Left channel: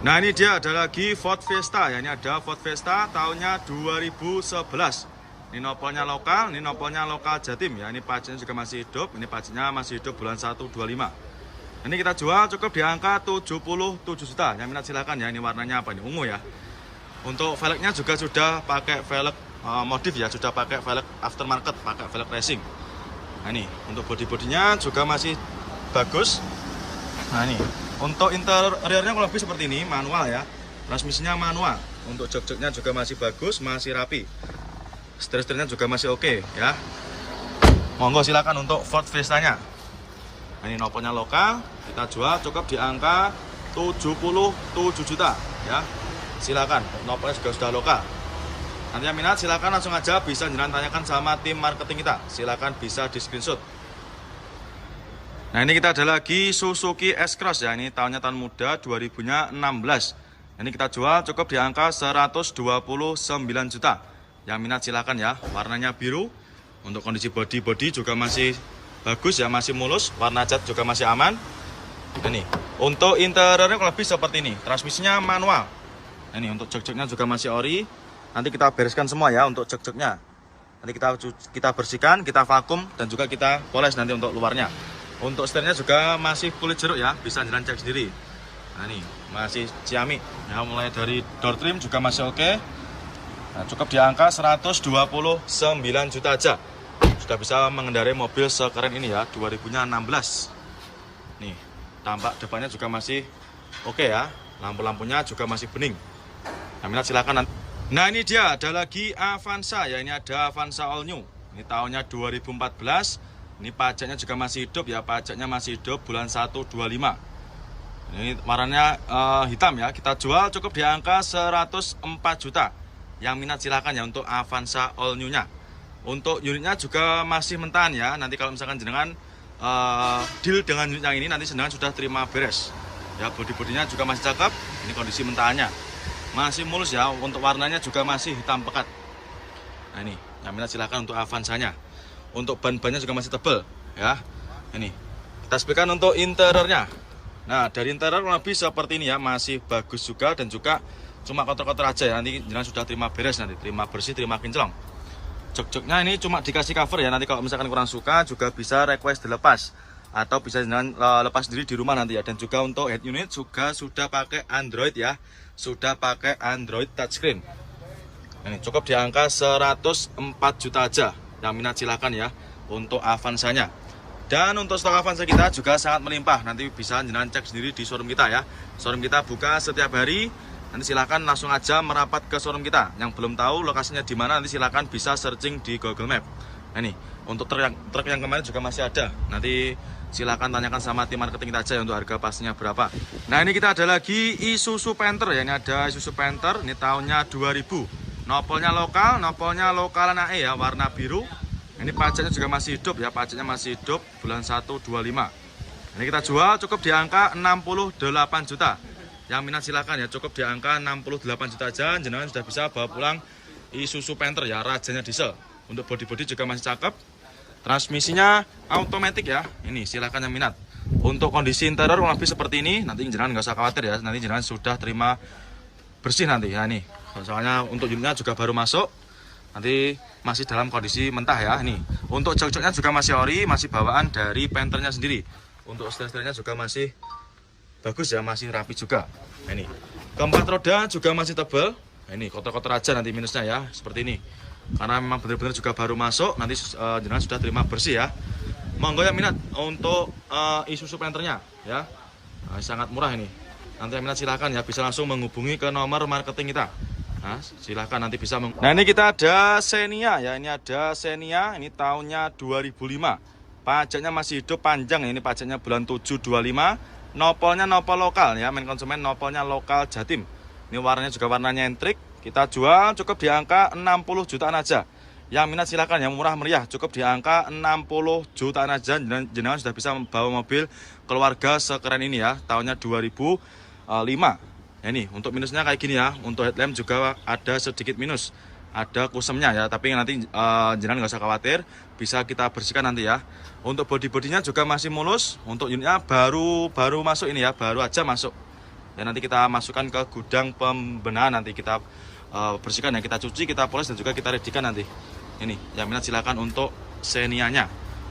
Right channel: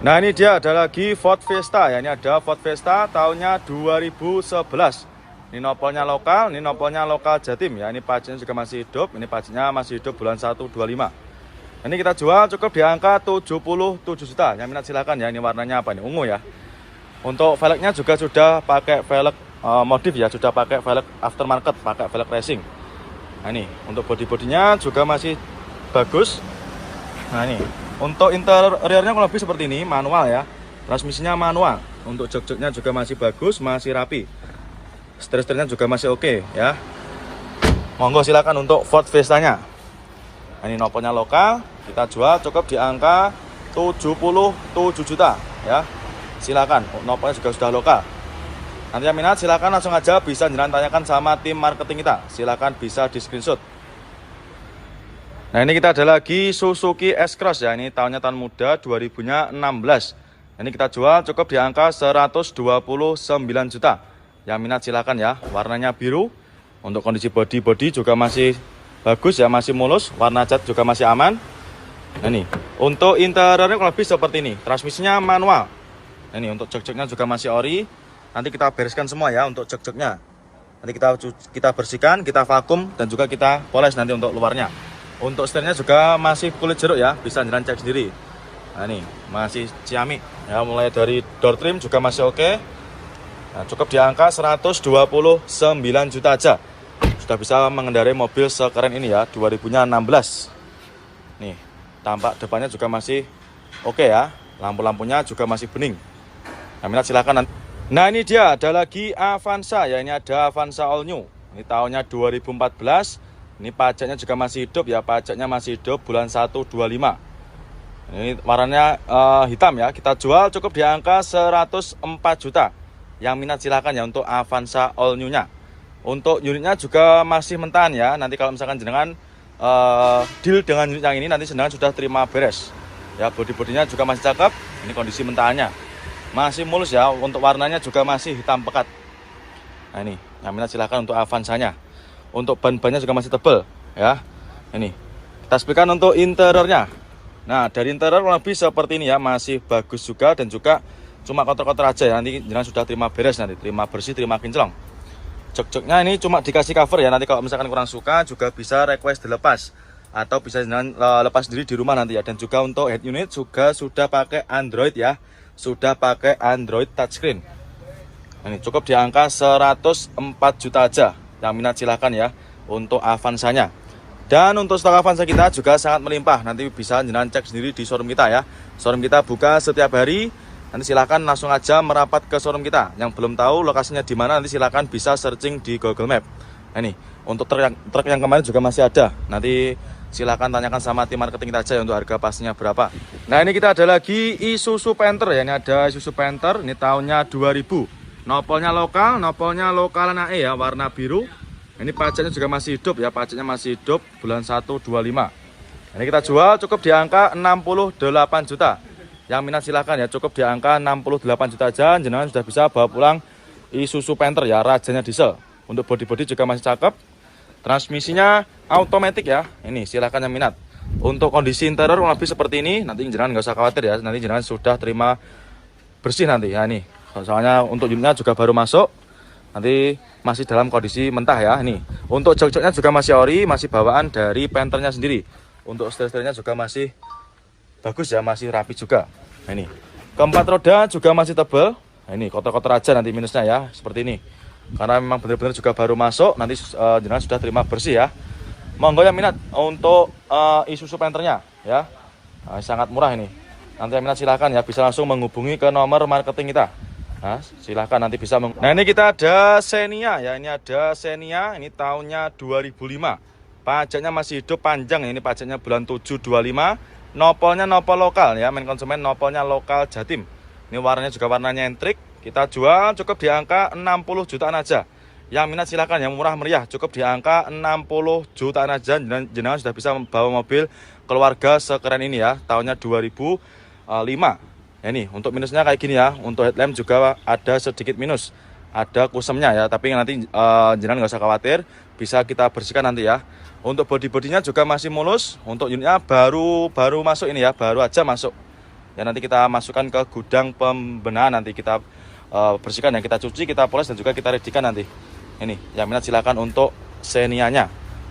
Nah, ini dia ada lagi Ford Fiesta ya. Ini ada Ford Fiesta tahunnya 2011. Ini nopolnya lokal Jatim ya. Ini pajaknya juga masih hidup. Ini pajaknya masih hidup bulan 1 25. Ini kita jual cukup di angka 77 juta. Yang minat silakan ya. Ini warnanya apa nih? Ungu ya. Untuk velgnya juga sudah pakai velg modif ya, sudah pakai velg aftermarket, pakai velg racing. Nah, ini untuk bodi-bodinya juga masih bagus. Nah, ini untuk interiornya kurang lebih seperti ini, manual ya. Transmisinya manual. Untuk jok-joknya juga masih bagus, masih rapi. Setir-setirnya juga masih oke ya. Monggo silakan untuk Ford Fiesta-nya. Nah, ini nopolnya lokal, kita jual cukup di angka 77 juta ya. Silakan, nopolnya juga sudah lokal. Nanti yang minat silakan langsung aja bisa jangan tanyakan sama tim marketing kita. Silakan bisa di screenshot. Nah, ini kita ada lagi Suzuki S-Cross ya. Ini tahunnya tahun muda 2016. Ini kita jual cukup di angka 129 juta. Yang minat silakan ya. Warnanya biru. Untuk kondisi bodi juga masih bagus ya, masih mulus. Warna cat juga masih aman. Nah, ini untuk interiornya kurang lebih seperti ini. Transmisinya manual. Nah, ini untuk jok-joknya juga masih ori. Nanti kita bereskan semua ya untuk jok-joknya. Nanti kita bersihkan, kita vakum dan juga kita poles nanti untuk luarnya. Untuk setirnya juga masih kulit jeruk ya, bisa jalan cek sendiri. Nah, ini masih ciamik ya, mulai dari door trim juga masih oke. Nah, cukup di angka 129 juta aja. Sudah bisa mengendarai mobil sekeren ini ya, 2016. Nih, tampak depannya juga masih oke ya. Lampu-lampunya juga masih bening. Nah, minat silakan. Nah, ini dia ada lagi Avanza ya, ini ada Avanza All New. Ini tahunnya 2014. Ini pajaknya juga masih hidup ya, pajaknya masih hidup bulan 1 25. Ini warnanya hitam ya, kita jual cukup di angka 104 juta. Yang minat silakan ya untuk Avanza All New-nya. Untuk unitnya juga masih mentahan ya, nanti kalau misalkan jenengan deal dengan unit yang ini, nanti jenengan sudah terima beres. Ya, bodi-bodinya juga masih cakep, ini kondisi mentahannya. Masih mulus ya, untuk warnanya juga masih hitam pekat. Nah, ini, yang minat silakan untuk Avanza-nya. Untuk ban-bannya juga masih tebal ya. Ini kita speakan untuk interiornya. Nah, dari interior lebih seperti ini ya, masih bagus juga dan juga cuma kotor-kotor aja ya. Nanti jangan sudah terima beres, nanti terima bersih, terima kinclong. Jok-joknya ini cuma dikasih cover ya. Nanti kalau misalkan kurang suka juga bisa request dilepas atau bisa jangan lepas sendiri di rumah nanti ya. Dan juga untuk head unit juga sudah pakai Android ya, sudah pakai Android touchscreen. Ini cukup di angka 104 juta aja. Yang minat silahkan ya untuk Avanza-nya. Dan untuk stok Avanza kita juga sangat melimpah. Nanti bisa jangan cek sendiri di showroom kita ya. Showroom kita buka setiap hari. Nanti silahkan langsung aja merapat ke showroom kita. Yang belum tahu lokasinya di mana, nanti silahkan bisa searching di Google Map. Nah, ini untuk truk yang kemarin juga masih ada. Nanti silahkan tanyakan sama tim marketing kita aja ya untuk harga pastinya berapa. Nah, ini kita ada lagi Isuzu Panther ya. Ini ada Isuzu Panther. Ini tahunnya 2000. Nopolnya lokal NAE ya, warna biru. Ini pajaknya juga masih hidup ya, pajaknya masih hidup bulan 1 25. Ini kita jual cukup di angka 68 juta. Yang minat silahkan ya, cukup di angka 68 juta aja. Jenengan sudah bisa bawa pulang Isuzu Panther ya, rajanya diesel. Untuk bodi-bodi juga masih cakep. Transmisinya automatic ya. Ini silahkan yang minat. Untuk kondisi interior lebih seperti ini, nanti jenengan nggak usah khawatir ya. Nanti jenengan sudah terima bersih nanti ya. Nih, soalnya untuk unitnya juga baru masuk. Nanti masih dalam kondisi mentah ya. Ini untuk jok-joknya juga masih ori, masih bawaan dari Panthernya sendiri. Untuk setir-setirnya juga masih bagus ya, masih rapi juga. Nah, ini keempat roda juga masih tebal. Nah, ini kotor-kotor aja nanti minusnya ya, seperti ini. Karena memang benar-benar juga baru masuk, nanti jenengan sudah terima bersih ya. Monggo yang minat untuk Isuzu Panthernya ya. Nah, sangat murah ini. Nanti yang minat silahkan ya, bisa langsung menghubungi ke nomor marketing kita. Nah, silahkan nanti bisa Nah, ini kita ada Xenia ya. Ini ada Xenia, ini tahunnya 2005. Pajaknya masih hidup panjang ya. Ini pajaknya bulan 7 25. Nopolnya nopol lokal ya, main konsumen nopolnya lokal Jatim. Ini warnanya juga warnanya entrik. Kita jual cukup di angka 60 jutaan aja. Yang minat silahkan, yang murah meriah cukup di angka 60 jutaan aja. Jenengan sudah bisa membawa mobil keluarga sekeren ini ya. Tahunnya 2005. Ya, ini untuk minusnya kayak gini ya. Untuk headlamp juga ada sedikit minus, ada kusemnya ya. Tapi nanti jenengan nggak usah khawatir, bisa kita bersihkan nanti ya. Untuk bodi-bodinya juga masih mulus. Untuk unitnya baru masuk ini ya, baru aja masuk. Ya nanti kita masukkan ke gudang pembenahan, nanti kita bersihkan ya, kita cuci, kita poles dan juga kita readykan nanti. Ini yang minat silakan untuk Xenia-nya.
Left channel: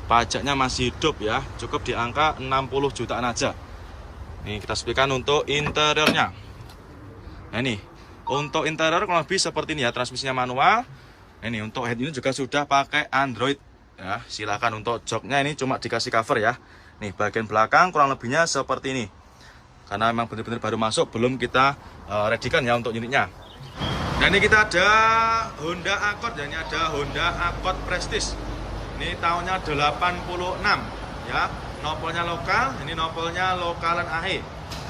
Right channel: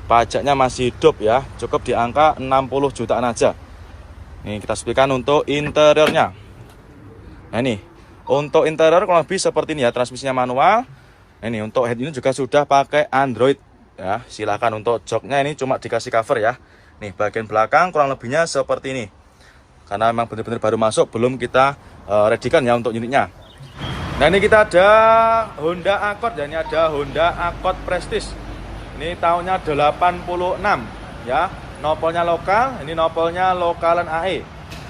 Pajaknya masih hidup ya, cukup di angka 60 jutaan aja. Nih kita sepikan untuk interiornya. Nah ini untuk interior kurang lebih seperti ini ya, transmisinya manual. Ini untuk head unit juga sudah pakai Android ya. Silakan untuk joknya ini cuma dikasih cover ya. Nih bagian belakang kurang lebihnya seperti ini. Karena memang benar-benar baru masuk, belum kita readykan ya untuk unitnya. Nah ini kita ada Honda Accord ya, ini ada Honda Accord Prestige. Ini tahunnya 86 ya. Nopolnya lokal, ini nopolnya lokalan AE.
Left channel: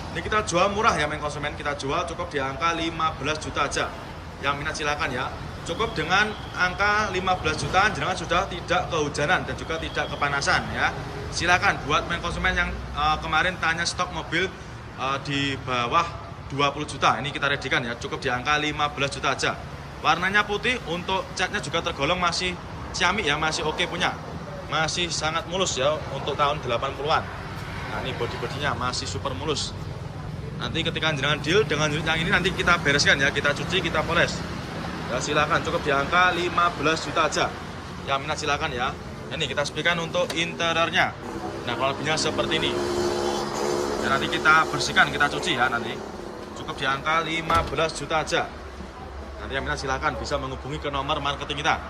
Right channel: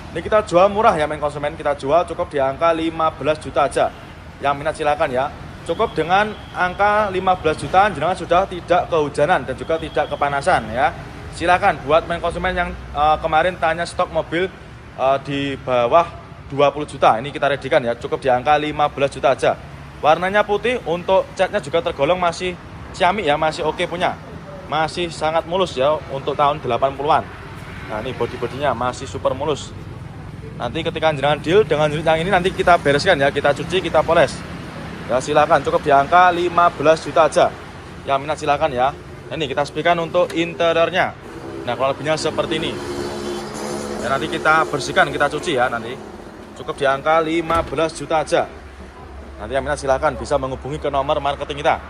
Ini kita jual murah ya main konsumen, kita jual cukup di angka 15 juta aja. Yang minat silakan ya. Cukup dengan angka 15 jutaan jenengan sudah tidak kehujanan dan juga tidak kepanasan ya. Silakan buat main konsumen yang kemarin tanya stok mobil di bawah 20 juta. Ini kita readykan ya, cukup di angka 15 juta aja. Warnanya putih, untuk catnya juga tergolong masih ciamik ya, masih oke punya. Masih sangat mulus ya untuk tahun 80-an. Nah, ini bodi-bodinya masih super mulus. Nanti ketika jenengan deal dengan unit yang ini nanti kita bereskan ya, kita cuci, kita poles. Ya silakan, cukup di angka 15 juta aja. Yang minat silakan ya. Ini kita sepikan untuk interiornya. Nah, kalau lebihnya seperti ini. Dan nanti kita bersihkan, kita cuci ya nanti. Cukup di angka 15 juta aja. Nanti yang minat silakan bisa menghubungi ke nomor marketing kita.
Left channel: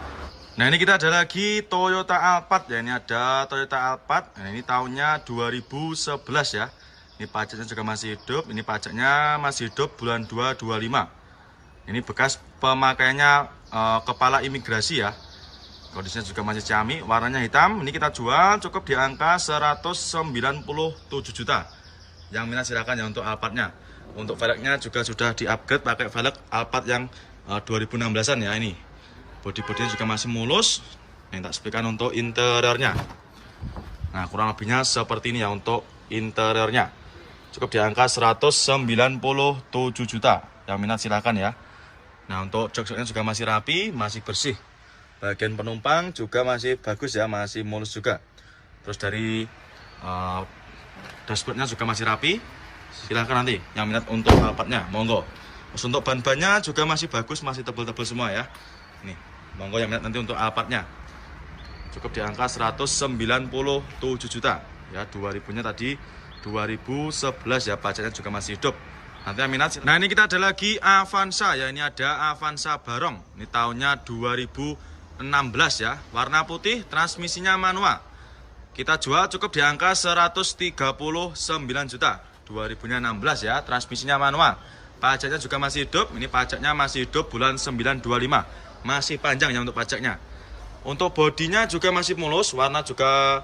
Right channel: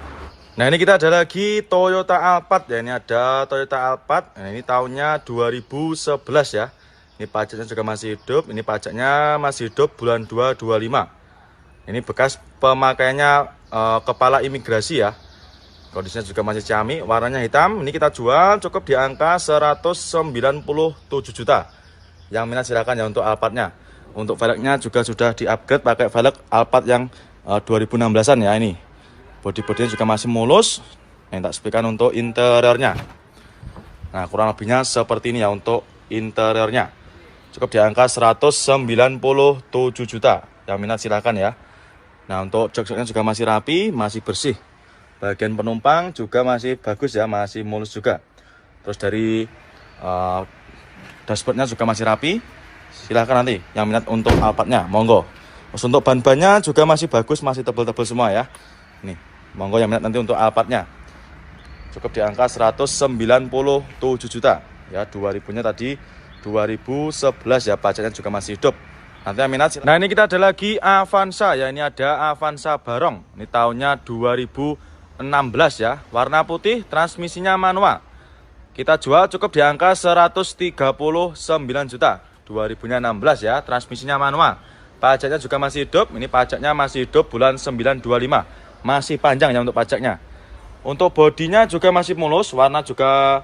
Nah, ini kita ada lagi Toyota Alphard ya. Ini ada Toyota Alphard. Nah, ini tahunnya 2011 ya. Ini pajaknya juga masih hidup. Ini pajaknya masih hidup bulan 2 25. Ini bekas pemakaiannya kepala imigrasi ya. Kondisinya juga masih ciamik, warnanya hitam. Ini kita jual cukup di angka 197 juta. Yang minat silakan ya untuk Alphardnya. Untuk velgnya juga sudah di-upgrade pakai velg Alphard yang 2016-an ya ini. Bodi-bodinya juga masih mulus. Yang tak sepikan untuk interiornya. Nah, kurang lebihnya seperti ini ya untuk interiornya. Cukup di angka 197 juta. Yang minat silakan ya. Nah, untuk jok-joknya juga masih rapi, masih bersih. Bagian penumpang juga masih bagus ya, masih mulus juga. Terus dari dashboardnya juga masih rapi. Silahkan nanti yang minat untuk Alphardnya, monggo. Terus untuk ban-bannya juga masih bagus, masih tebal-tebal semua ya. Nih, monggo yang minat nanti untuk Alphardnya. Cukup di angka 197 juta. Ya, 2000-nya tadi 2011 ya, pajaknya juga masih hidup. Nanti yang minat. Nah, ini kita ada lagi Avanza ya, ini ada Avanza Barong. Ini tahunnya 2016 ya, warna putih, transmisinya manual. Kita jual cukup di angka 139 juta. 2000-nya 16 ya, transmisinya manual. Pajaknya juga masih hidup. Ini pajaknya masih hidup bulan 925. Masih panjang ya untuk pajaknya. Untuk bodinya juga masih mulus, warna juga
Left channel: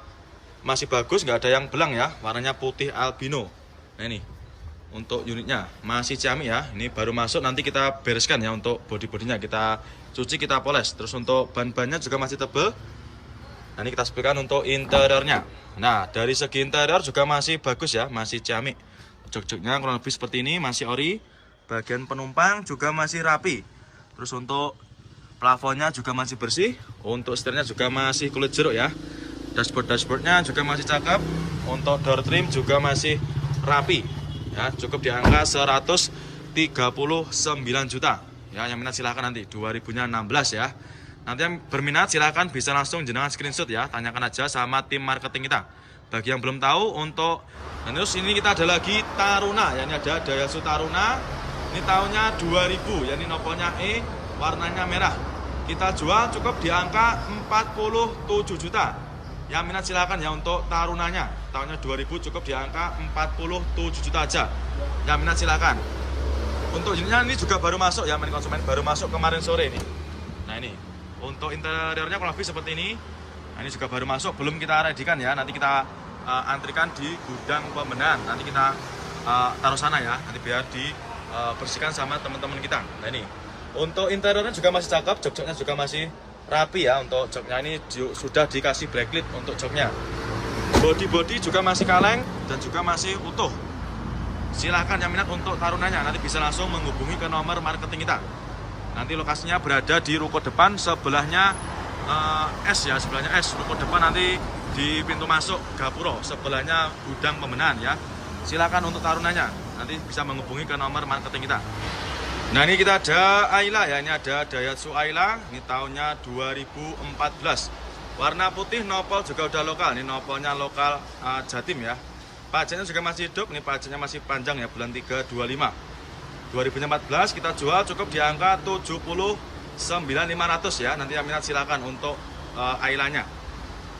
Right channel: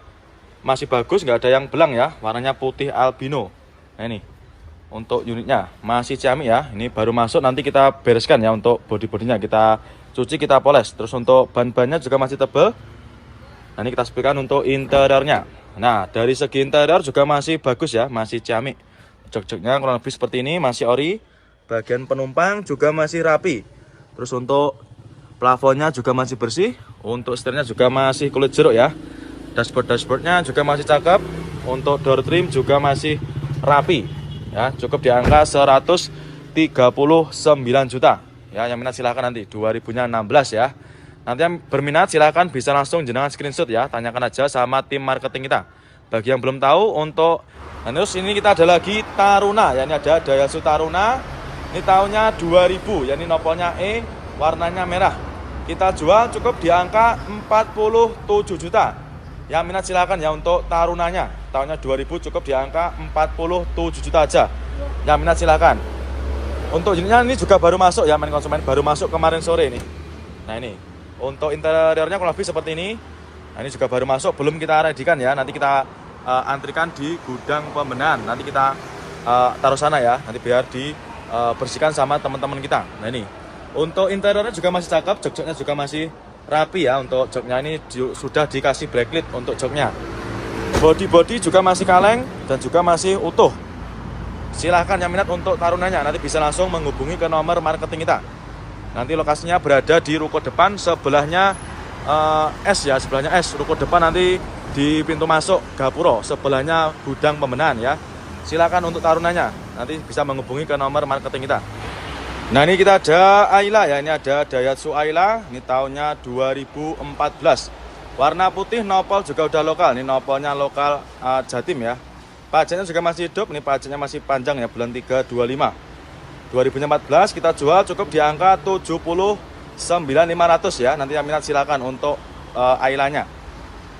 masih bagus, nggak ada yang belang ya. Warnanya putih albino. Nah, ini untuk unitnya masih ciamik ya. Ini baru masuk, nanti kita bereskan ya untuk bodi-bodinya. Kita cuci, kita poles. Terus untuk ban-bannya juga masih tebal. Nah, ini kita sepikan untuk interiornya. Nah, dari segi interior juga masih bagus ya, masih ciamik. Jok-joknya kurang lebih seperti ini, masih ori. Bagian penumpang juga masih rapi. Terus untuk plafonnya juga masih bersih. Untuk setirnya juga masih kulit jeruk ya. Dashboardnya juga masih cakep. Untuk door trim juga masih rapi. Ya, cukup di angka 139 juta. Ya, yang minat silahkan nanti 2000-nya 16 ya. Nanti yang berminat silahkan bisa langsung jenengan screenshot ya. Tanyakan aja sama tim marketing kita. Bagi yang belum tahu untuk terus ini kita ada lagi Taruna ya, ini ada Daihatsu Taruna. Ini tahunnya 2000 ya, ini nopolnya E, warnanya merah. Kita jual cukup di angka 47 juta. Yang minat silakan ya untuk Tarunanya. Tahunnya 2000 cukup di angka 47 juta aja. Yang minat silakan. Untuk unitnya ini juga baru masuk ya, main konsumen, baru masuk kemarin sore ini. Nah, ini untuk interiornya kurang lebih seperti ini. Nah, ini juga baru masuk, belum kita readykan ya. Nanti kita antrikan di gudang pembenahan. Nanti kita taruh sana ya, nanti biar dibersihkan sama teman-teman kita. Nah, ini untuk interiornya juga masih cakep, jok-joknya juga masih rapi ya. Untuk joknya ini sudah dikasih backlit untuk joknya. Body juga masih kaleng dan juga masih utuh. Silahkan yang minat untuk Tarunanya, nanti bisa langsung menghubungi ke nomor marketing kita. Nanti lokasinya berada di ruko depan, sebelahnya S ya, sebelahnya S. Ruko depan nanti di pintu masuk Gapuro, sebelahnya gudang pembenahan ya. Silakan untuk Tarunanya. nanti bisa menghubungi ke nomor marketing kita. Nah, ini kita ada Ayla ya, ini ada Daihatsu Ayla, ini tahunnya 2014. Warna putih, nopol juga udah lokal. Ini nopolnya lokal Jatim ya. Pajaknya juga masih hidup, ini pajaknya masih panjang ya, bulan 3 25. 2014 kita jual cukup di angka 79.500 ya. Nanti yang minat silakan untuk Aylanya.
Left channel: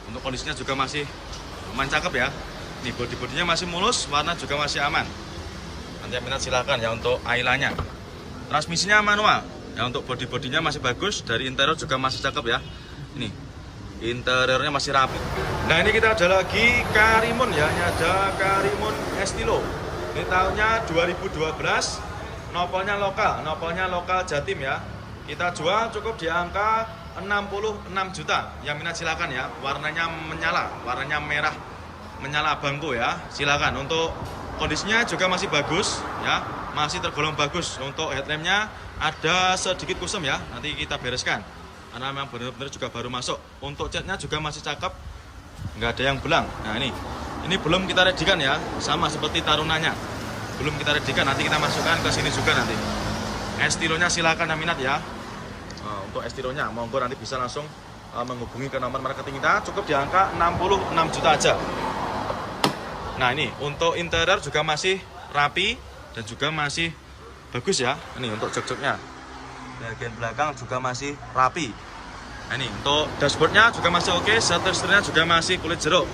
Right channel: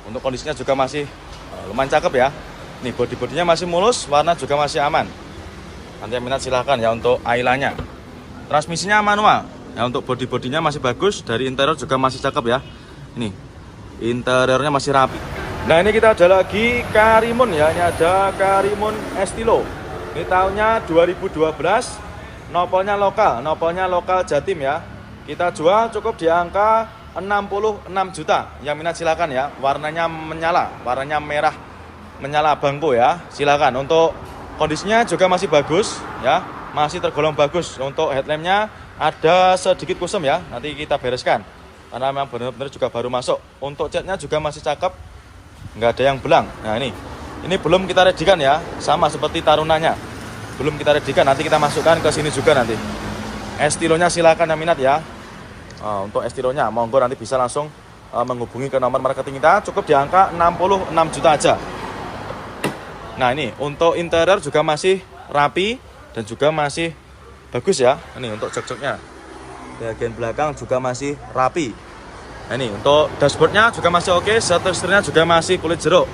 Untuk kondisinya juga masih lumayan cakep ya. Nih bodi-bodinya masih mulus, warna juga masih aman. Nanti yang minat silakan ya untuk Aylanya. Transmisinya manual. Ya untuk bodi-bodinya masih bagus, dari interior juga masih cakep ya. Ini interiornya masih rapi. Nah, ini kita ada lagi Karimun ya. Ini ada Karimun Estilo. Ini tahunnya 2012. Nopolnya lokal Jatim ya. Kita jual cukup di angka 66 juta. Yang minat silakan ya. Warnanya menyala, warnanya merah menyala bangko ya. Silakan. Untuk kondisinya juga masih bagus ya. Masih tergolong bagus. Untuk headlampnya ada sedikit kusem ya. Nanti kita bereskan karena memang benar-benar juga baru masuk. Untuk catnya juga masih cakep, nggak ada yang belang. Nah, ini belum kita redikan ya. Sama seperti tarunanya, belum kita redikan. Nanti kita masukkan ke sini juga nanti. Estilonya silakan yang minat ya. Untuk estilonya monggo nanti bisa langsung menghubungi ke nomor marketing kita. Cukup di angka 66 juta aja. Nah, ini untuk interior juga masih rapi dan juga masih bagus ya. Ini untuk jok-joknya, bagian belakang juga masih rapi. Nah, ini untuk dashboardnya juga masih oke. Setirnya juga masih kulit jeruk.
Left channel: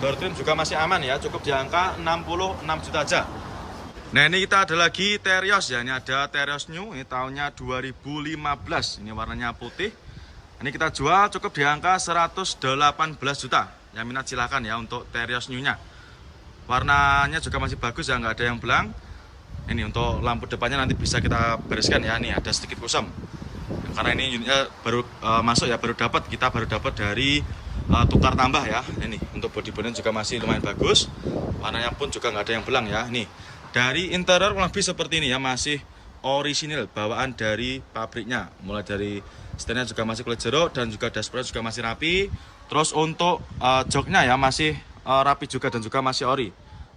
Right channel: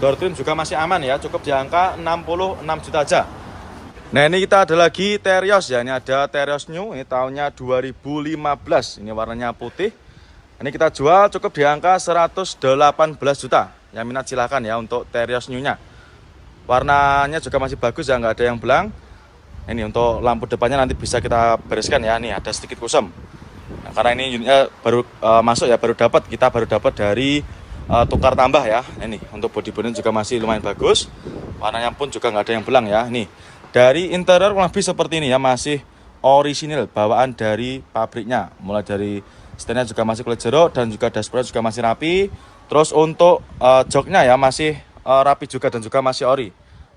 Door trim juga masih aman ya. Cukup di angka 66 juta aja. Nah, ini kita ada lagi Terios ya. Ini ada Terios New. Ini tahunnya 2015. Ini warnanya putih. Ini kita jual cukup di angka 118 juta. Yang minat silahkan ya untuk Terios New-nya. Warnanya juga masih bagus ya, nggak ada yang belang. Ini untuk lampu depannya nanti bisa kita bereskan ya. Nih ada sedikit kusam. Nah, karena ini unitnya baru masuk ya, kita baru dapat dari tukar tambah ya. Ini untuk bodi-bodinya juga masih lumayan bagus. Warnanya pun juga nggak ada yang belang ya. Nih dari interior lebih seperti ini ya, masih orisinil bawaan dari pabriknya. Mulai dari setirnya juga masih kulit jeruk dan juga dashboard juga masih rapi. Terus untuk joknya ya masih rapi juga dan juga masih ori.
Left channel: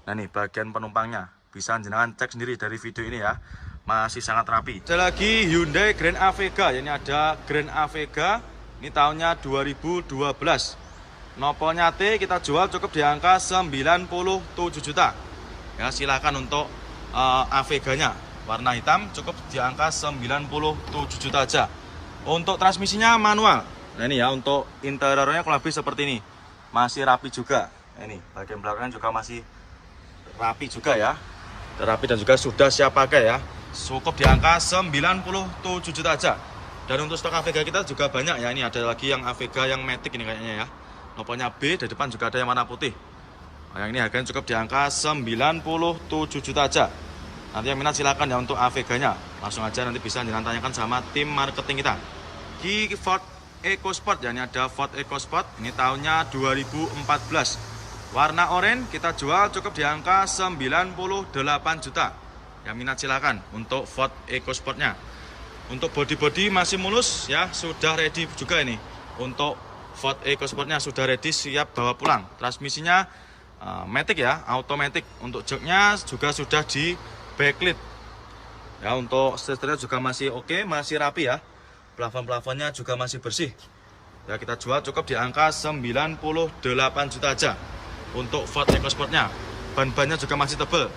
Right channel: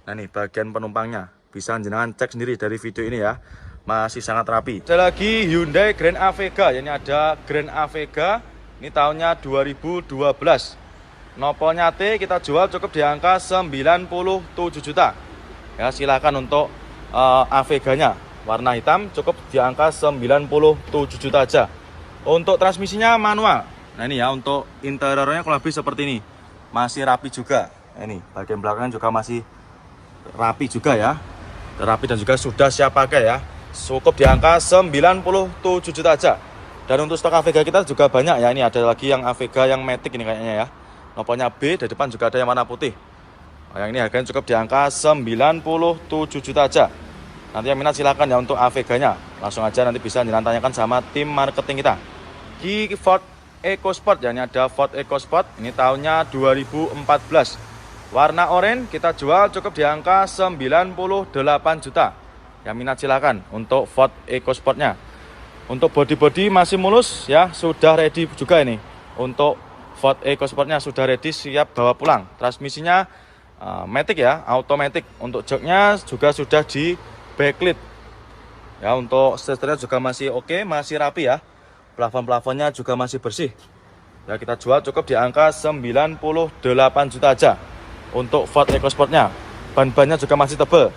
Nah, nih bagian penumpangnya bisa jenengan cek sendiri dari video ini ya, masih sangat rapi. Ada lagi Hyundai Grand Avega. Ini ada Grand Avega. Ini tahunnya 2012. Nopolnya T, kita jual cukup di angka 97 juta. Ya, silakan untuk Aveganya. Warna hitam cukup di angka 97 juta aja. Untuk transmisinya manual. Nah, ini ya untuk interiornya kurang lebih seperti ini. Masih rapi juga. Ini bagian belakangnya juga masih rapi juga ya. Rapi dan juga sudah siap pakai ya. Cukup di angka 97 juta aja. Dan untuk stok Avega kita juga banyak ya. Ini ada lagi yang Avega yang Matic ini kayaknya ya. Nopolnya B, dari depan juga ada yang warna putih. Yang ini harganya cukup di angka 97 juta aja. Nanti yang minat silakan ya untuk Aveganya. Langsung aja nanti bisa ditanyakan sama tim marketing kita. Di Ford EcoSport ya, ini ada Ford EcoSport. Ini tahunnya 2014. Warna oranye kita jual cukup di angka 98 juta. Yang minat silakan untuk Ford EcoSportnya. Untuk body masih mulus ya, sudah ready juga ini. Untuk Ford EcoSportnya sudah ready, siap bawa pulang. Transmisinya matic ya, automatic. Untuk joknya juga sudah di backlit. Ya, untuk setirnya juga masih oke, masih rapi ya. Plafon-plafonnya juga masih bersih. Ya, kita jual cukup di angka 98 juta aja. Untuk Ford EcoSportnya, ban-bannya juga masih tebal.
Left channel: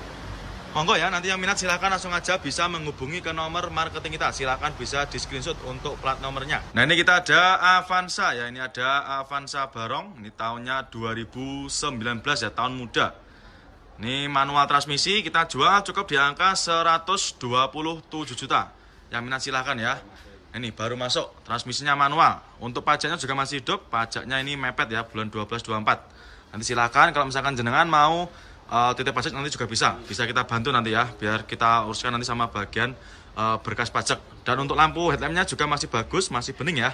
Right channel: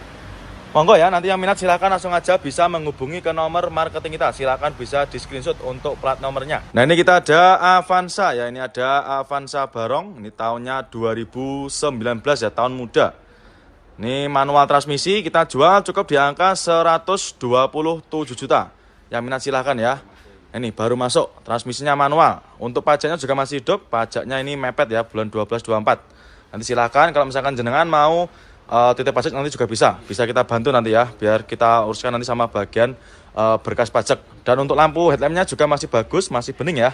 Monggo ya, nanti yang minat silakan langsung aja bisa menghubungi ke nomor marketing kita. Silakan bisa di screenshot untuk plat nomornya. Nah, ini kita ada Avanza ya, ini ada Avanza Barong. Ini tahunnya 2019 ya, tahun muda. Ini manual transmisi, kita jual cukup di angka 127 juta. Yang minat silakan ya. Ini baru masuk, transmisinya manual. Untuk pajaknya juga masih hidup, pajaknya ini mepet ya, bulan 12-24. Nanti silakan kalau misalkan jenengan mau titip pajak nanti juga bisa kita bantu nanti ya, biar kita uruskan nanti sama bagian berkas pajak. Dan untuk lampu headlampnya juga masih bagus, masih bening ya.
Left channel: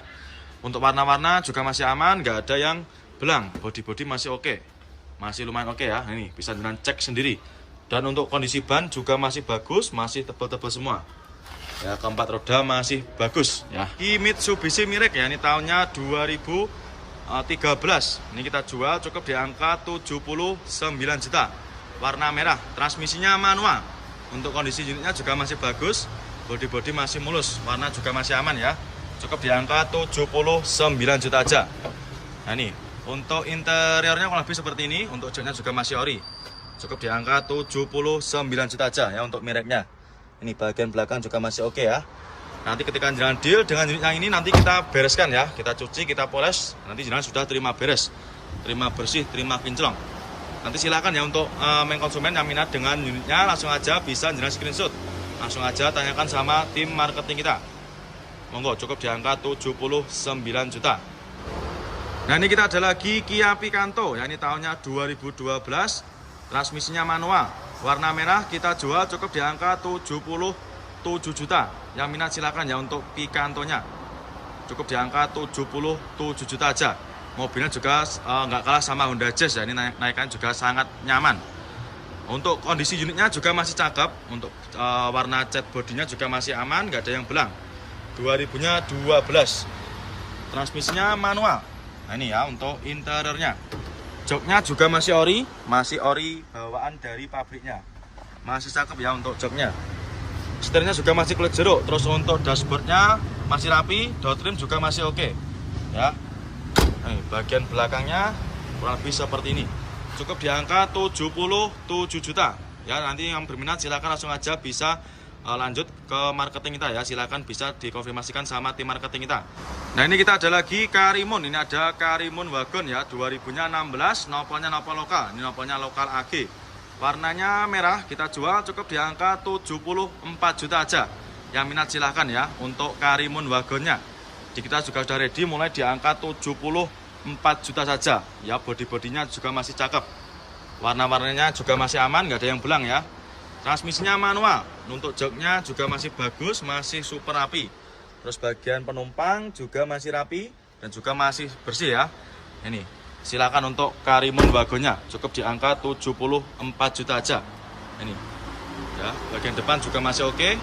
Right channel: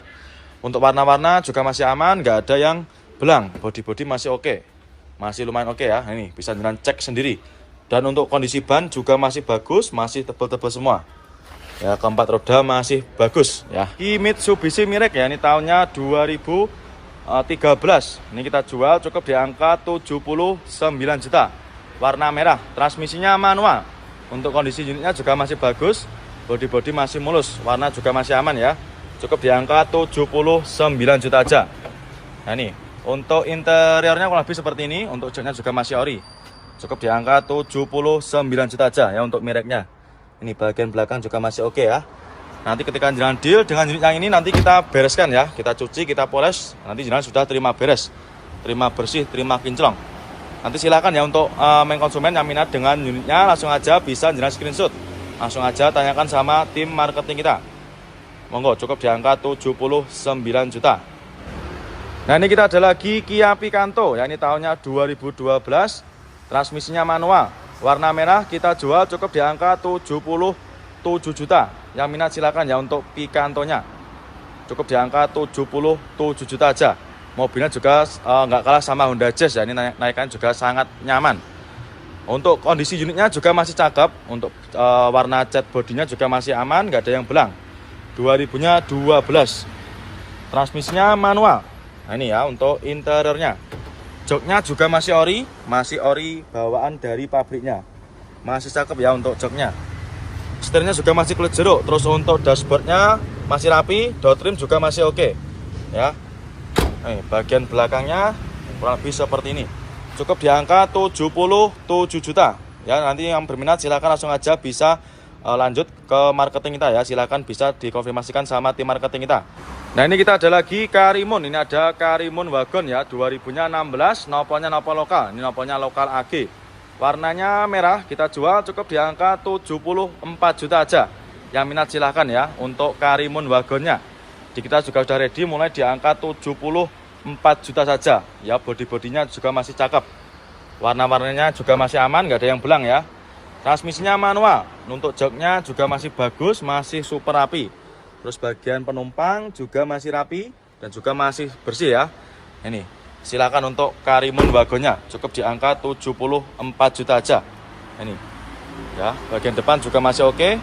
Untuk warna-warna juga masih aman, nggak ada yang belang. Bodi masih oke, masih lumayan oke ya. Ini bisa jenengan cek sendiri. Dan untuk kondisi ban juga masih bagus, masih tebal-tebal semua. Ya, keempat roda masih bagus ya. Ini Mitsubishi Mirage ya, ini tahunnya 2013. Ini kita jual cukup di angka 79 juta. Warna merah, transmisinya manual. Untuk kondisi unitnya juga masih bagus, bodi masih mulus, warna juga masih aman ya. Cukup di angka 79 juta aja. Nah ini, untuk interiornya kurang lebih seperti ini. Untuk joknya juga masih ori. Cukup di angka 79 juta aja ya untuk mereknya. Ini bagian belakang juga masih oke ya. Nanti ketika jalan deal dengan unit yang ini nanti kita bereskan ya. Kita cuci, kita poles. Nanti jalan sudah terima beres, terima bersih, terima kinclong. Nanti silakan ya untuk main konsumen yang minat dengan unitnya, langsung aja bisa jalan screenshot. Langsung aja tanyakan sama tim marketing kita. Monggo, cukup di angka 79 juta. Nah ini kita ada lagi Kia Picanto ya, ini tahunnya 2012, transmisinya manual, warna merah, kita jual cukup di angka 77 juta. Yang minat silakan ya untuk Picantonya, cukup di angka 77 juta aja. Mobilnya juga nggak kalah sama Honda Jazz ya, ini naikan juga sangat nyaman. Untuk kondisi unitnya juga masih cakep, untuk warna cat bodinya juga masih aman, nggak ada yang belang. 2000-nya 12, transmisinya manual. Nah ini ya untuk interiornya. Joknya juga masih ori bawaan dari pabriknya. Masih cakep ya untuk joknya. Setirnya juga masih kulit jeruk. Terus untuk dashboardnya masih rapi, door trim juga masih oke. Ya. Nih, bagian belakangnya kurang lebih seperti ini. Cukup di angka 77 juta. Ya, nanti yang berminat silakan langsung aja bisa lanjut ke marketing kita ya. Silakan bisa dikonfirmasikan sama tim marketing kita. Nah ini kita ada lagi Karimun. Ini ada Karimun Wagon ya, 2000-nya 16, nopolnya nopol lokal. Ini nopolnya lokal AG. Warnanya merah, kita jual cukup di angka 74 juta aja. Yang minat silahkan ya untuk Karimun Wagonnya. Jadi kita juga sudah ready mulai di angka 74 juta saja. Ya, bodi-bodinya juga masih cakep. Warna-warnanya juga masih aman, nggak ada yang belang ya. Transmisinya manual, untuk joknya juga masih bagus, masih super rapi. Terus bagian penumpang juga masih rapi dan juga masih bersih ya. Ini, silakan untuk Karimun Wagonnya, cukup di angka 74 juta aja. Ini, ya, bagian depan juga masih oke,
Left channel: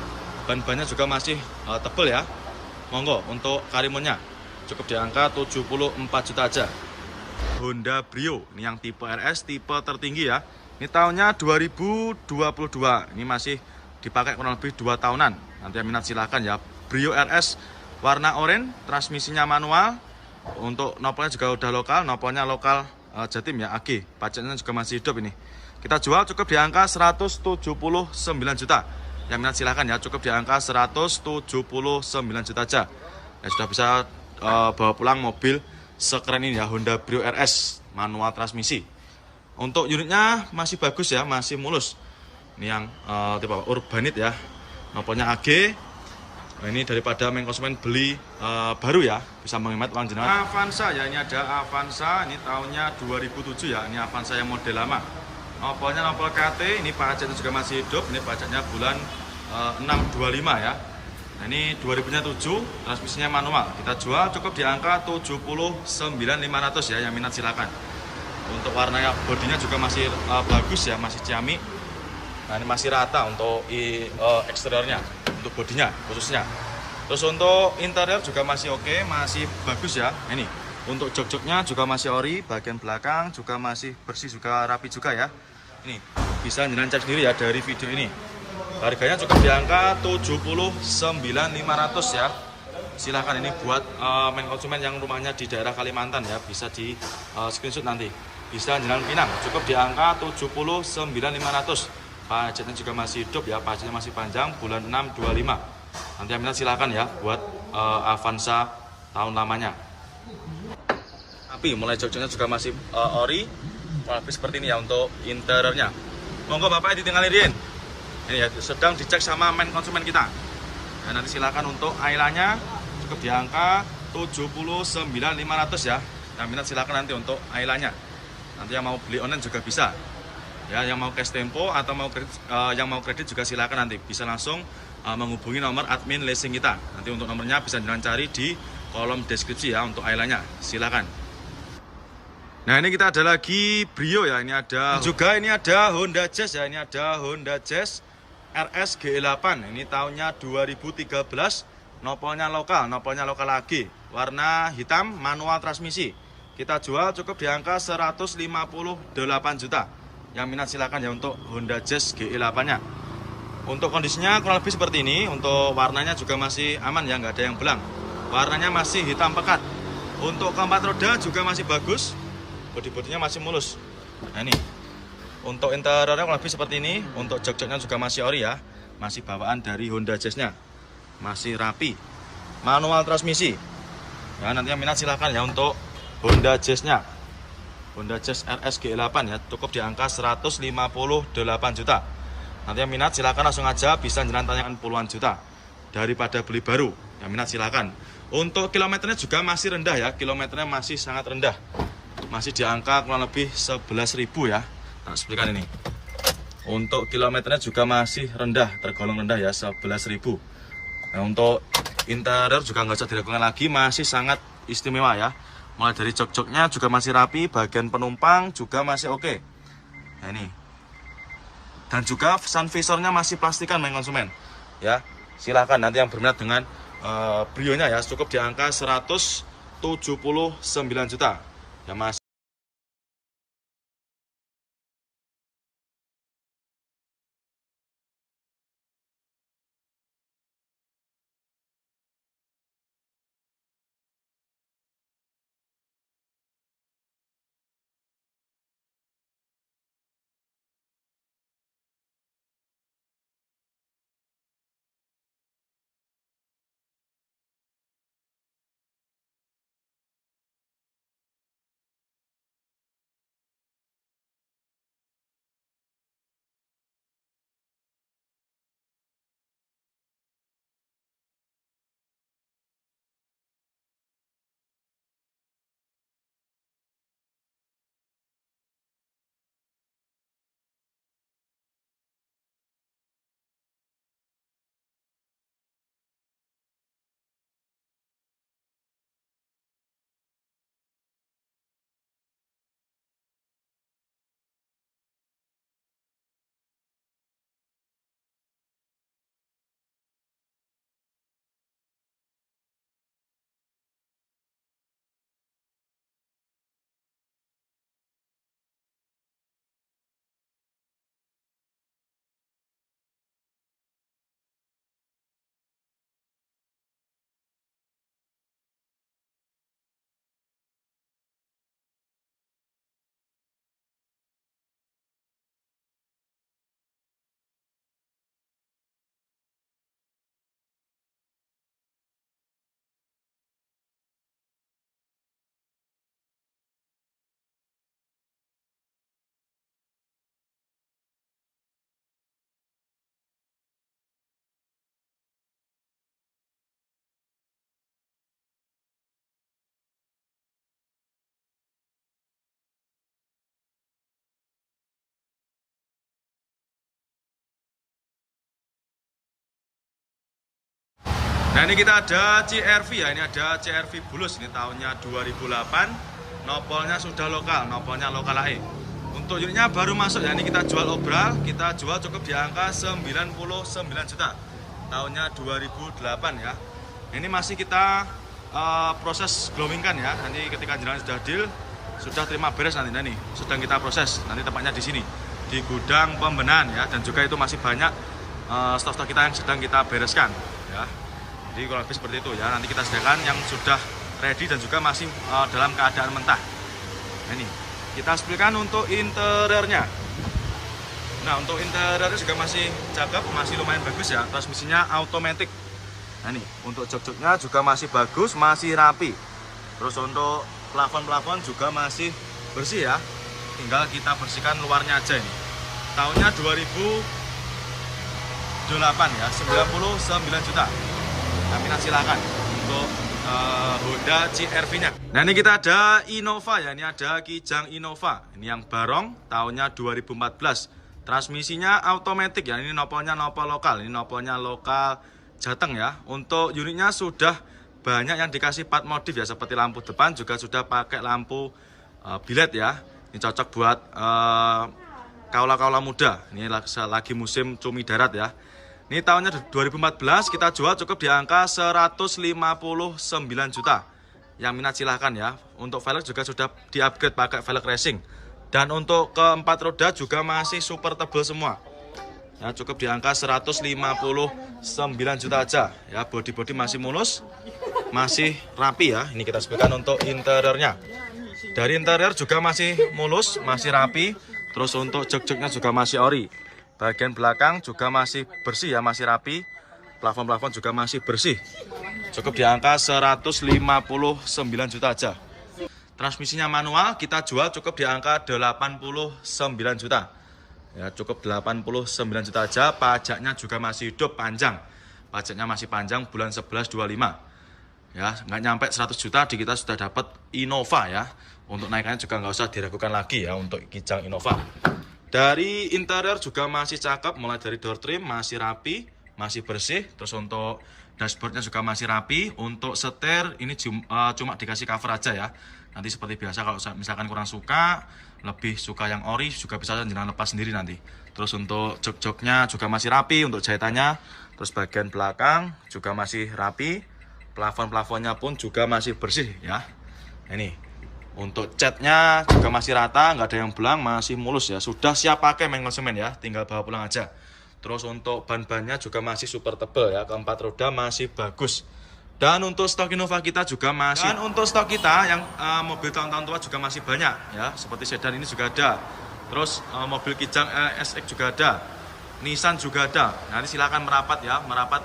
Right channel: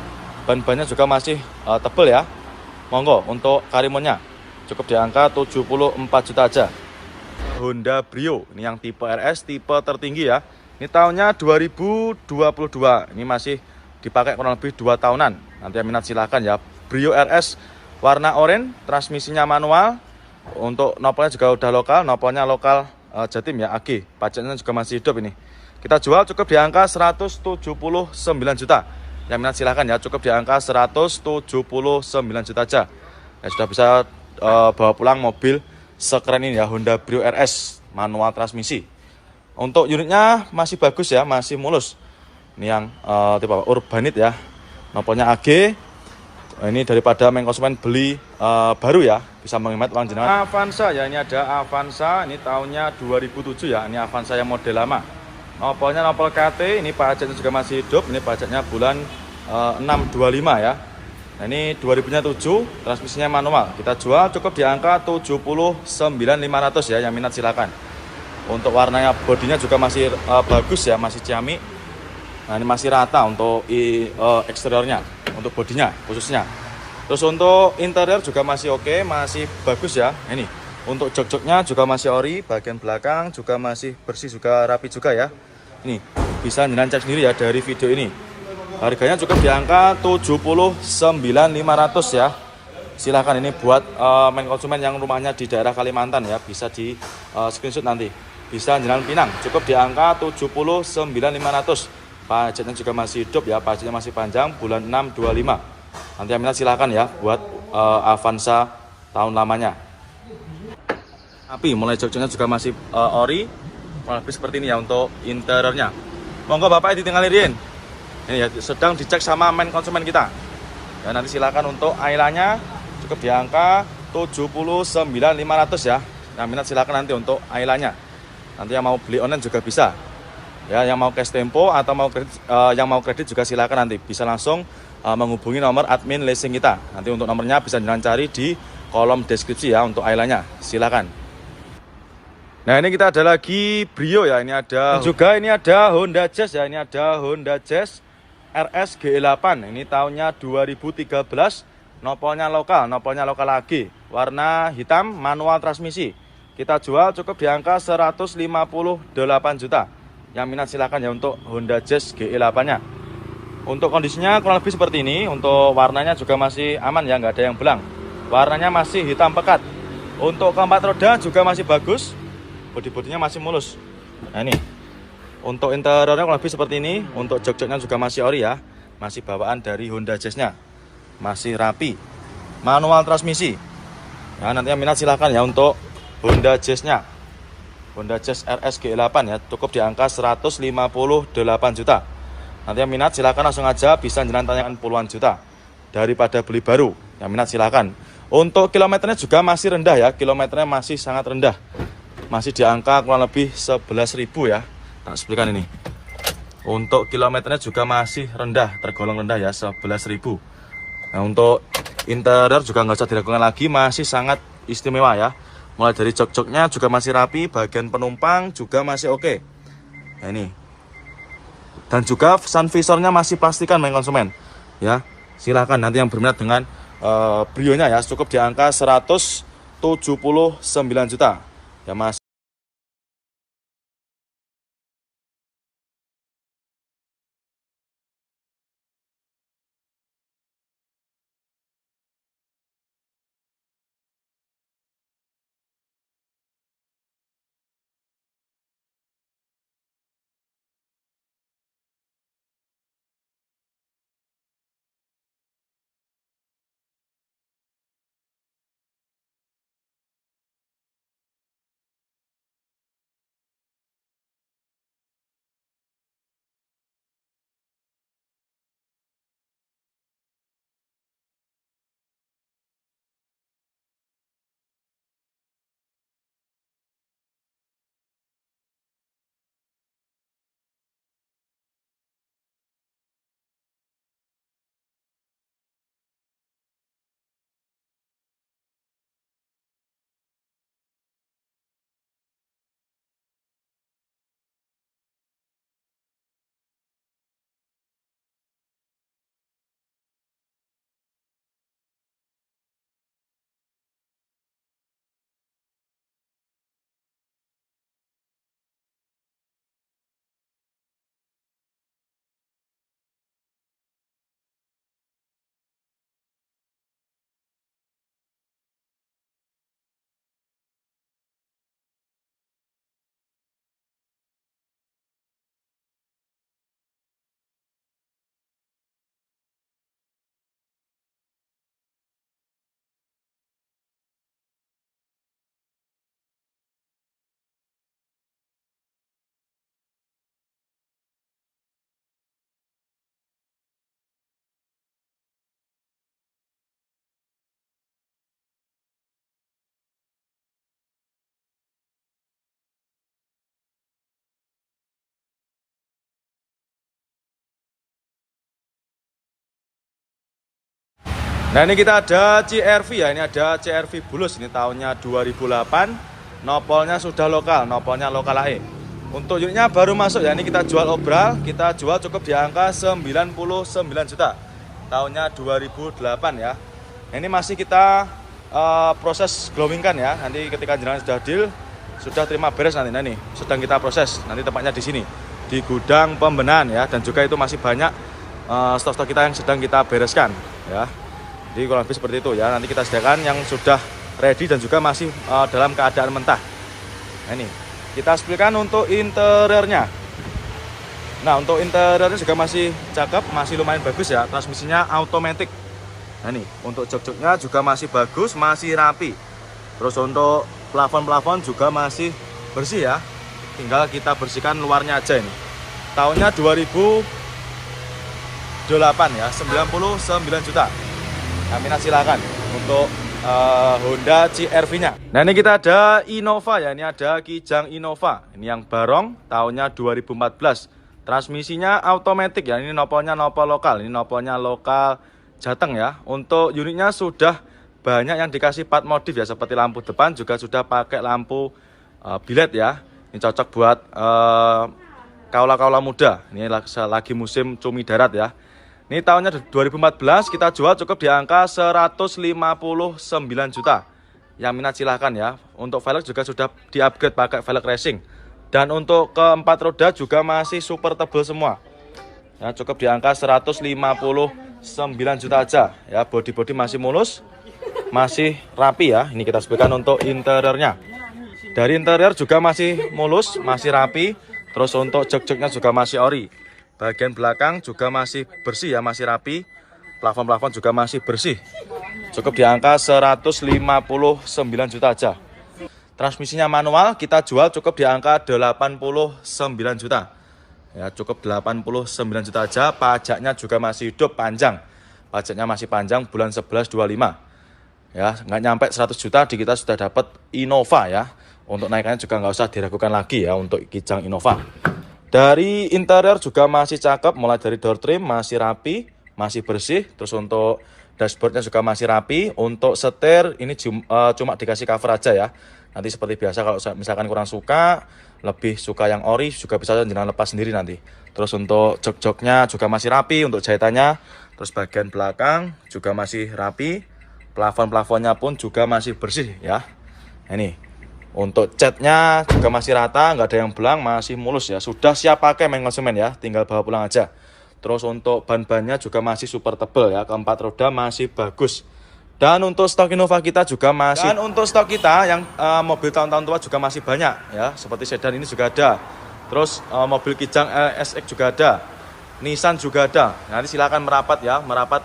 ban-bannya juga masih tebal ya. Monggo untuk Karimunnya, cukup di angka 74 juta aja. Honda Brio, ini yang tipe RS, tipe tertinggi ya. Ini tahunnya 2022. Ini masih dipakai kurang lebih 2 tahunan. Nanti yang minat silahkan ya. Brio RS warna oranye, transmisinya manual. Untuk nopolnya juga udah lokal, nopolnya lokal Jatim ya, AG. Pajaknya juga masih hidup ini. Kita jual cukup di angka 179 juta. Yang minat silahkan ya, cukup di angka 179 juta aja. Ya, sudah bisa bawa pulang mobil sekeren ini ya, Honda Brio RS manual transmisi. Untuk unitnya masih bagus ya, masih mulus. Ini yang tipe Urbanit ya, nopolnya AG. Ini daripada main konsumen beli baru ya, bisa menghemat uang jenengan. Avanza ya, ini ada Avanza, ini tahunnya 2007 ya, ini Avanza yang model lama. Nopolnya nopol KT, ini pajaknya juga masih hidup, ini pajaknya bulan 625 ya. Nah ini 2000-nya 7, transmisinya manual. Kita jual cukup di angka 79.500 ya, yang minat silakan. Untuk warnanya bodinya juga masih bagus ya, masih ciamik. Nah ini masih rata untuk eksteriornya, untuk bodinya khususnya. Terus untuk interior juga masih oke, masih bagus ya. Ini untuk jok-joknya juga masih ori, bagian belakang juga masih bersih, juga rapi juga ya. Ini bisa jenengan cek sendiri ya dari video ini. Harganya cukup di angka 79.500 ya. Silahkan ini buat main konsumen yang rumahnya di daerah Kalimantan ya, bisa di screenshot nanti. Bisa Jalan Pinang, cukup di angka 79.500. Pajaknya juga masih hidup ya, pajaknya masih panjang, bulan 625. Nanti yang minat silahkan ya buat Avanza tahun lamanya. Tapi mulai joknya juga masih ori, seperti ini ya untuk interiornya. Monggo Bapak ditinggalin. Ini ya, sedang dicek sama main konsumen kita. Ya, nanti silakan untuk Ailanya cukup di angka 79.500 ya. Yang minat silakan nanti untuk Ailanya. Nanti yang mau beli online juga bisa. Ya, yang mau cash tempo atau yang mau kredit juga silakan nanti bisa langsung menghubungi nomor admin leasing kita. Nanti untuk nomornya bisa jangan cari di kolom deskripsi ya untuk Ailanya. Silakan. Nah ini kita ada lagi Brio ya, ini ada juga ini ada Honda Jazz ya, ini ada Honda Jazz RS GE8. Ini tahunnya 2013, nopolnya lokal AG, warna hitam, manual transmisi. Kita jual cukup di angka 158 juta. Yang minat silakan ya untuk Honda Jazz GE8 nya. Untuk kondisinya kurang lebih seperti ini. Untuk warnanya juga masih aman ya, nggak ada yang belang. Warnanya masih hitam pekat. Untuk keempat roda juga masih bagus. Bodi-bodinya masih mulus. Nah ini. Untuk interiornya kurang lebih seperti ini. Untuk jok-joknya juga masih ori ya. Masih bawaan dari Honda Jazz-nya. Masih rapi. Manual transmisi. Nah nanti yang minat silahkan ya untuk Honda Jazz-nya. Honda Jazz RS G8 ya. Cukup di angka 158 juta. Nanti yang minat silahkan langsung aja, bisa jangan tanyakan puluhan juta daripada beli baru. Yang minat silahkan. Untuk kilometernya juga masih rendah ya, kilometernya masih sangat rendah. Masih di angka kurang lebih 11.000 ya. Nah, sebutkan ini. Untuk kilometernya juga masih rendah, tergolong rendah ya, 11.000. Nah, untuk interior juga nggak usah diragukan lagi, masih sangat istimewa ya. Mulai dari jok-joknya juga masih rapi, bagian penumpang juga masih oke. Nah ini. Dan juga sun visornya masih pastikan main konsumen ya. Silahkan nanti yang berminat dengan Brio-nya ya, cukup di angka 179 juta ya mas. Nah ini kita ada CR-V ya, ini ada CR-V Bulus, ini tahunnya 2008. Nopolnya sudah lokal, nopolnya lokal AE. Untuk unitnya baru masuk ya, ini kita jual obral, kita jual cukup di angka 99 juta. Tahunnya 2008 ya. Ini masih kita proses glowing kan ya, nanti ketika jenengan sudah deal, sudah terima beres nanti. Nah ini sedang kita proses, nanti tempatnya di sini, di gudang pembenahan ya. Dan juga itu masih banyak stok-stok kita yang sedang kita bereskan ya. Jadi kurang lebih seperti itu ya, nanti kita sediakan yang sudah ready dan juga masih dalam keadaan mentah. Nah ini, kita spilkan untuk interiornya. Nah untuk interiornya juga masih cakep, masih lumayan bagus ya, transmisinya automatic. Nah ini, untuk jok-joknya juga masih bagus, masih rapi. Terus untuk plafon-plafon juga masih bersih ya, tinggal kita bersihkan luarnya aja ini. Tahunnya 2008 ya, 99 juta. Aminah silakan untuk Honda CR-V-nya. Nah ini kita ada Innova ya, ini ada Kijang Innova. Ini yang barong, tahunnya 2014. Transmisinya automatic ya, ini nopolnya nopol lokal, ini nopolnya lokal Jateng ya. Untuk unitnya sudah banyak yang dikasih part modif ya, seperti lampu depan juga sudah pakai lampu bilet ya. Ini cocok buat kaula-kaula muda. Ini lagi musim cumi darat ya. Ini tahunnya 2014, kita jual cukup di angka 159 juta. Yang minat silahkan ya. Untuk velg juga sudah di-upgrade pakai velg racing. Dan untuk keempat roda juga masih super tebal semua. Ya, cukup di angka 159 juta aja. Ya, body masih mulus, masih rapi ya. Ini kita sebutkan untuk interiornya. Dari interior juga masih mulus, masih rapi. Terus untuk jok-joknya juga masih ori. Bagian belakang juga masih bersih ya, masih rapi. Plafon juga masih bersih. Cukup di angka 159 juta aja. Transmisinya manual, kita jual cukup di angka 89 juta. Ya, cukup 89 juta aja. Pajaknya juga masih hidup panjang. Pajaknya masih panjang bulan 11 25. Ya, nggak nyampe 100 juta di kita sudah dapat Innova ya. Untuk naikannya juga nggak usah diragukan lagi ya untuk Kijang Innova. Dari interior juga masih cakep, mulai dari door trim masih rapi, masih bersih. Terus untuk dashboardnya juga masih rapi. Untuk setir ini cuma dikasih cover aja ya. Nanti seperti biasa kalau misalkan kurang suka, lebih suka yang ori juga bisa jenengan lepas sendiri nanti. Terus untuk jok-joknya juga masih rapi untuk jahitannya. Terus bagian belakang juga masih rapi. Plafon-plafonnya pun juga masih bersih ya. Ini untuk catnya juga masih rata, nggak ada yang belang, masih mulus ya. Sudah siap pakai main konsumen ya, tinggal bawa pulang aja. Terus untuk ban-bannya juga masih super tebal ya, keempat roda masih bagus. Dan untuk stok Innova kita juga masih. Dan untuk stok kita yang mobil tahun-tahun tua juga masih banyak ya. Seperti sedan ini juga ada. Terus mobil Kijang SX juga ada. Nissan juga ada. Nanti silakan merapat ya, merapat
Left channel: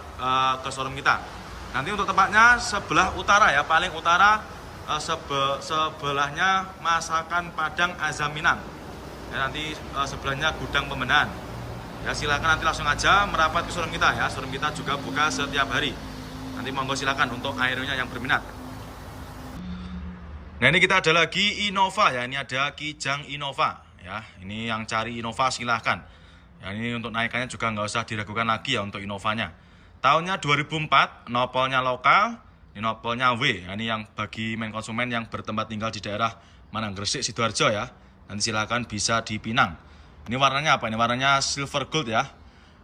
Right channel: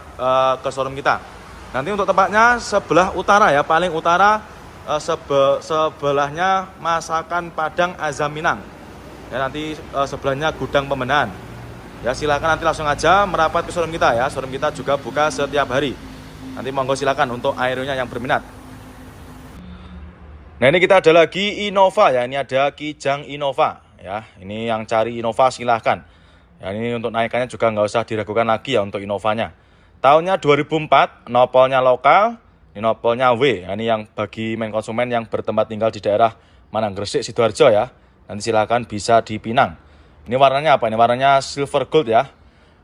ke showroom kita. Nanti untuk tempatnya sebelah utara ya, paling utara sebelahnya Masakan Padang Azam Minang. Ya, nanti sebelahnya Gudang Pemenahan. Ya, silakan nanti langsung aja merapat ke showroom kita ya. Showroom kita juga buka setiap hari. Nanti monggo silakan untuk aeronya yang berminat. Nah, ini kita ada lagi Innova ya. Ini ada Kijang Innova ya. Ini yang cari Innova silahkan. Ya, ini untuk naikannya juga nggak usah diragukan lagi ya untuk Innovanya. Tahunnya 2004, nopolnya lokal, ini nopolnya W. Ya, ini yang bagi main konsumen yang bertempat tinggal di daerah Manang Gresik, Sidoarjo ya. Nanti silakan bisa dipinang. Ini warnanya apa? Ini warnanya silver gold ya.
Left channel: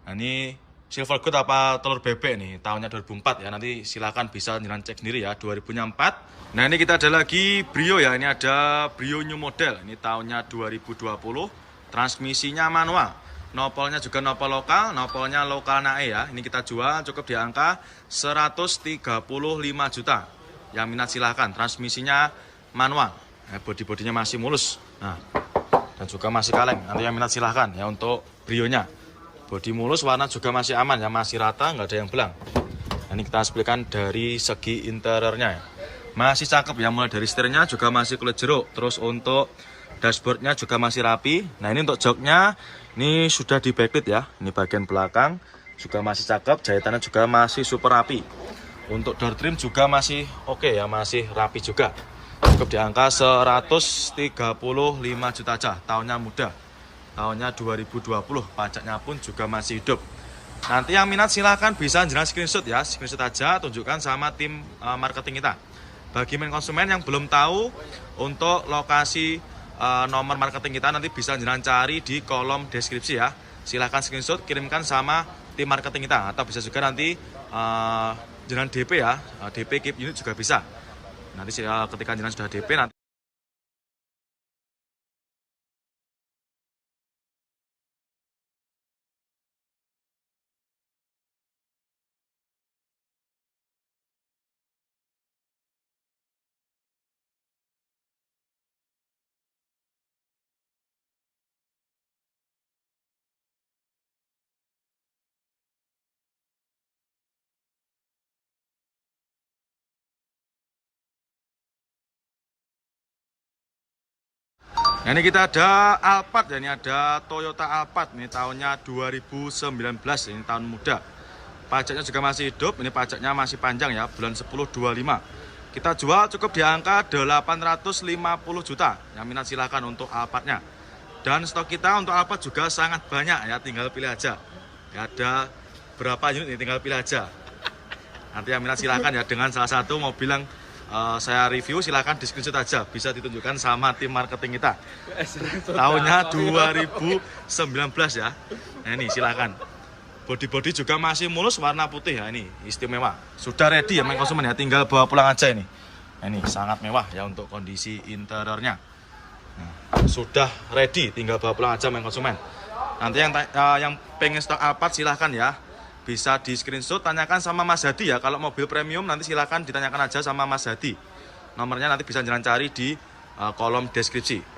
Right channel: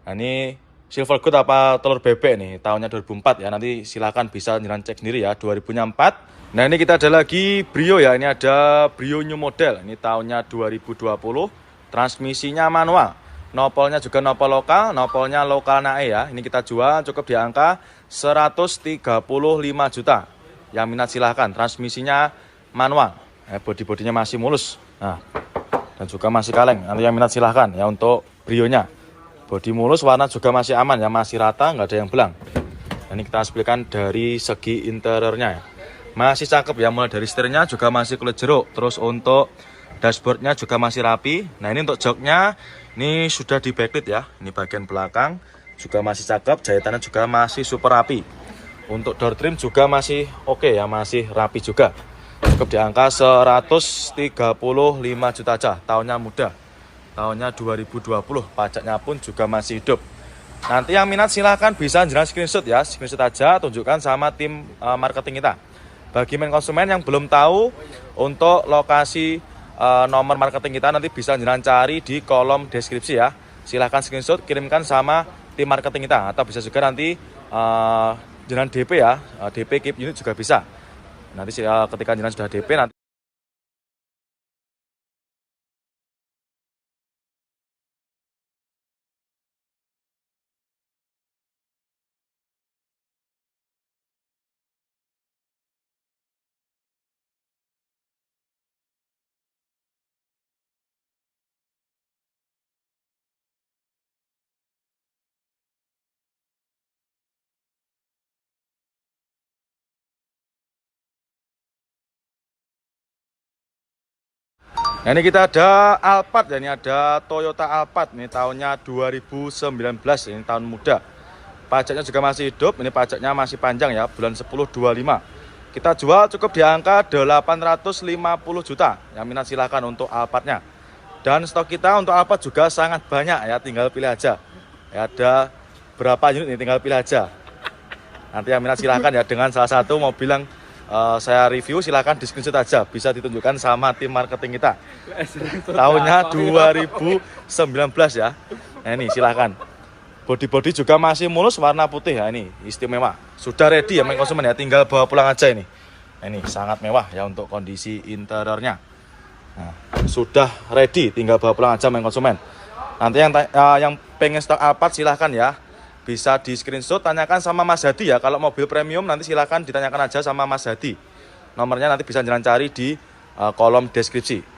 Nah, ini silver gold apa telur bebek nih, tahunnya 2004 ya. Nanti silakan bisa jalan cek sendiri ya, 2004. Nah, ini kita ada lagi Brio ya. Ini ada Brio new model. Ini tahunnya 2020. Transmisinya manual. Nopolnya juga nopol lokal, nopolnya lokal nae ya. Ini kita jual cukup di angka 135 juta. Yang minat silahkan. Transmisinya manual. Bodi-bodinya masih mulus. Nah, dan juga masih kaleng. Nanti yang minat silahkan ya untuk Brio-nya. Bodi mulus, warna juga masih aman ya, masih rata, nggak ada yang belang. Ini kita hasilkan dari segi interiornya ya. Masih cakep ya, mulai dari setirnya juga masih kulit jeruk. Terus untuk dashboardnya juga masih rapi. Nah, ini untuk joknya ini sudah di backlit ya. Ini bagian belakang juga masih cakep, jahitannya juga masih super rapi. Untuk door trim juga masih oke ya, masih rapi juga. Cukup di angka 135 juta aja, tahunnya muda. Tahunnya 2020, pajaknya pun juga masih hidup. Nanti yang minat silahkan bisa jenengan screenshot ya, screenshot aja, tunjukkan sama tim marketing kita. Bagi main konsumen yang belum tahu untuk lokasi nomor marketing kita, nanti bisa jenengan cari di kolom deskripsi ya. Silahkan screenshot, kirimkan sama tim marketing kita, atau bisa juga nanti jenengan DP ya, DP keep unit juga bisa. Nanti ketika jenengan sudah DP nanti. Nah, ini kita ada Alphard ya, ini ada Toyota Alphard, ini tahunnya 2019, ini tahun muda. Pajaknya juga masih hidup, ini pajaknya masih panjang ya, bulan 10/25. Kita jual cukup di angka 850 juta. Yang minat silahkan untuk Alphardnya. Dan stok kita untuk Alphard juga sangat banyak ya, tinggal pilih aja. Ya, ada berapa unit ini, tinggal pilih aja. Nanti yang minat silahkan ya, dengan salah satu mobil yang saya review, silahkan di screenshot aja, bisa ditunjukkan sama tim marketing kita. Tahunnya 2019 ya. Nah, ini silahkan. Bodi-bodi juga masih mulus, warna putih ya, ini istimewa. Sudah ready ya main konsumen ya, tinggal bawa pulang aja ini. Nah, ini sangat mewah ya untuk kondisi interiornya. Nah, sudah ready, tinggal bawa pulang aja main konsumen. Nanti yang pengen stok Alphard silahkan ya, bisa di screenshot, tanyakan sama Mas Hadi ya. Kalau mobil premium nanti silahkan ditanyakan aja sama Mas Hadi. Nomornya nanti bisa jalan cari di kolom deskripsi.